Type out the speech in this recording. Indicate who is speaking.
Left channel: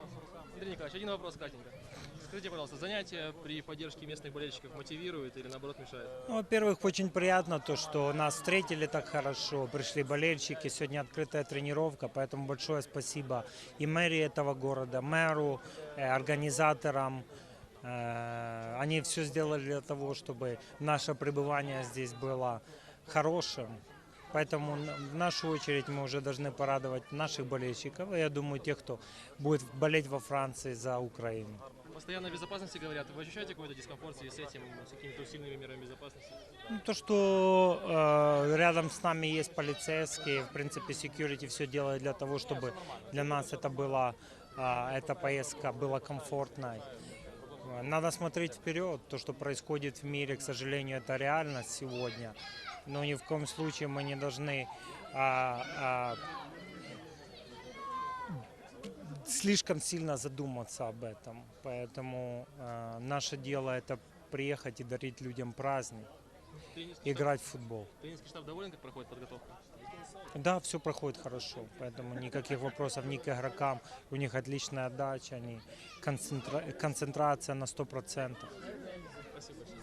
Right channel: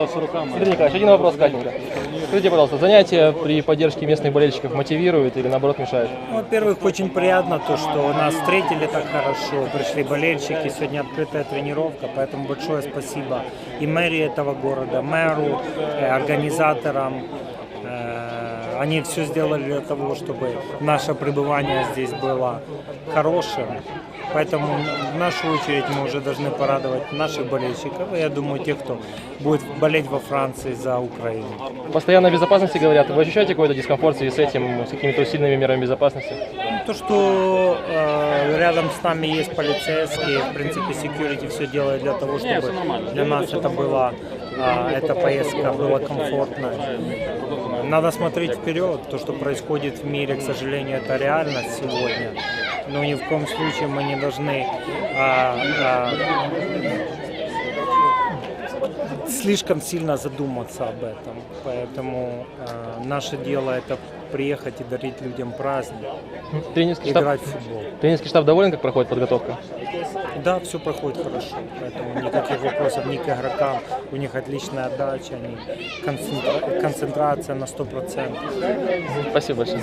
Speaker 1: Андрей Николаевич, один вопрос кратенько. Скажите, пожалуйста, занятия при поддержке местных болельщиков мотивируют или наоборот мешают?
Speaker 2: Ну, Во-первых, очень приятно то, что нас встретили так хорошо, пришли болельщики, сегодня открытая тренировка, поэтому большое спасибо и мэрии этого города, мэру, э, организаторам. Они все сделали для того, чтобы наше пребывание здесь было хорошим. Поэтому в нашу очередь мы уже должны порадовать наших болельщиков, и я думаю, тех, кто будет болеть во Франции за Украину.
Speaker 1: Постоянно о безопасности говорят. Вы ощущаете какой-то дискомфорт в связи с этим, с какими-то усиленными мерами безопасности?
Speaker 2: Ну, То, что э, рядом с нами есть полицейские, в принципе, security все делает для того, чтобы для нас это была э, эта поездка была комфортной. Надо смотреть вперед. То, что происходит в мире, к сожалению, это реальность сегодня. Но ни в коем случае мы не должны а, а, слишком сильно задуматься об этом. Поэтому э, наше дело это приехать и дарить людям праздник,
Speaker 1: Тренерский штаб,
Speaker 2: играть в футбол.
Speaker 1: тренерский штаб доволен, как проходит подготовка?
Speaker 2: Да, все проходит хорошо, поэтому никаких вопросов ни к игрокам, у них отличная отдача, они концентра- концентрация на 100%.
Speaker 1: Спасибо большое.